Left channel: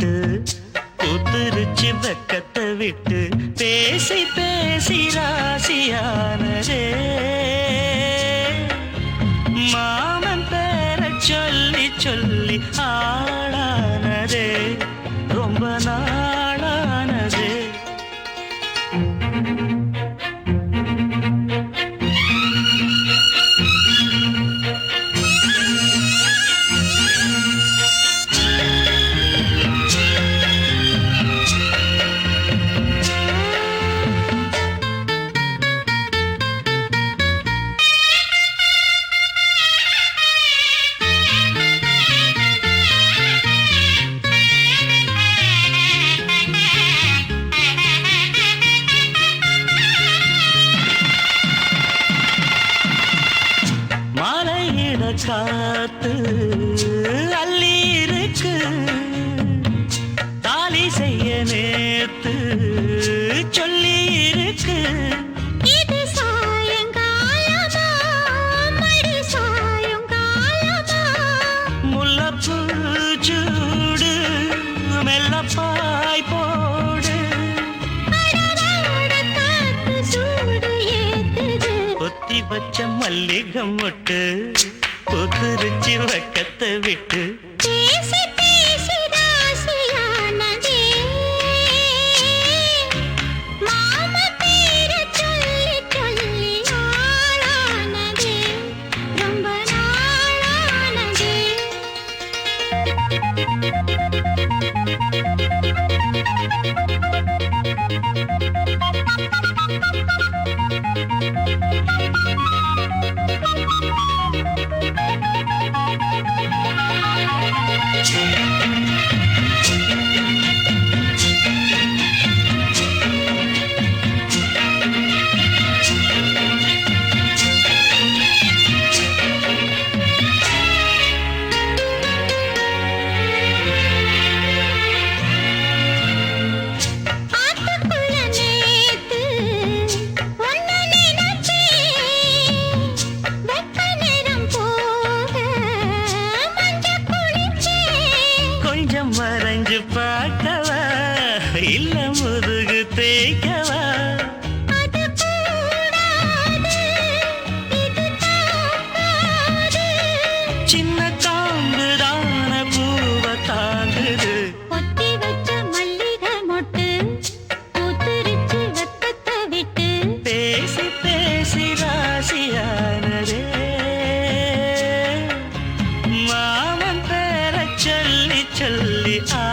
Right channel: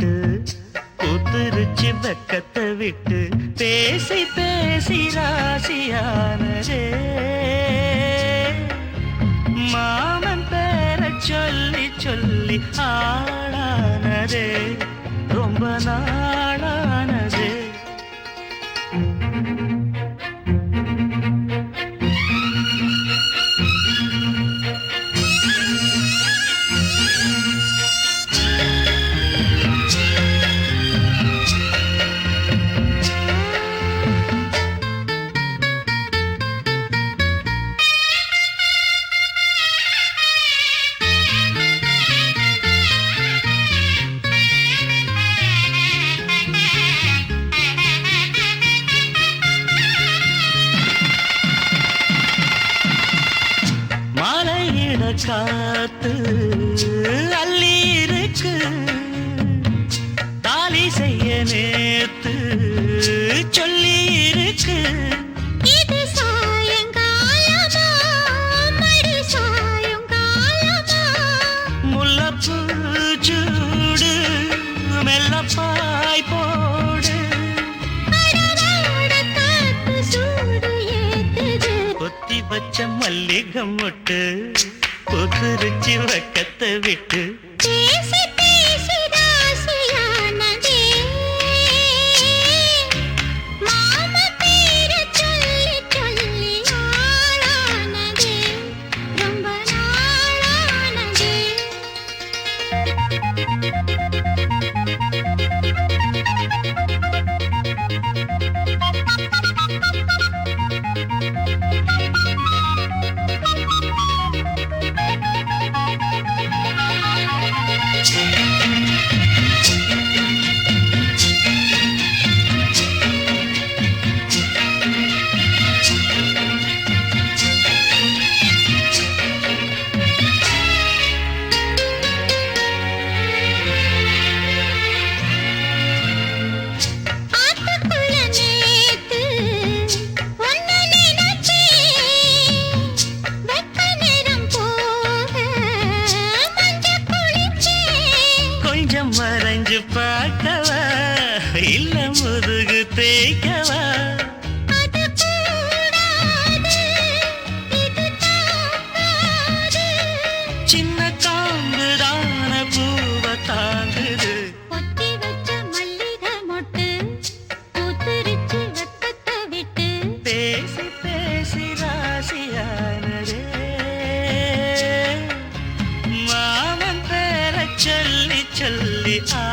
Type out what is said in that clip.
விட்டு புத்துருச்சி வெக்கத்தை விட்டு பேசி பேசி ராசியானதே. காத்து அள்ளி இருக்கு தாலி செய்ய நேத்து சொல்லி இருக்கு முல்லப்பூ சூடு மெல்லப்பாய் போ கொத்தி பச்ச மல்லிகம் மொட்டு. பொசுரிச்சு வட்டத்தை விட்டு ചൊല്ലി ആ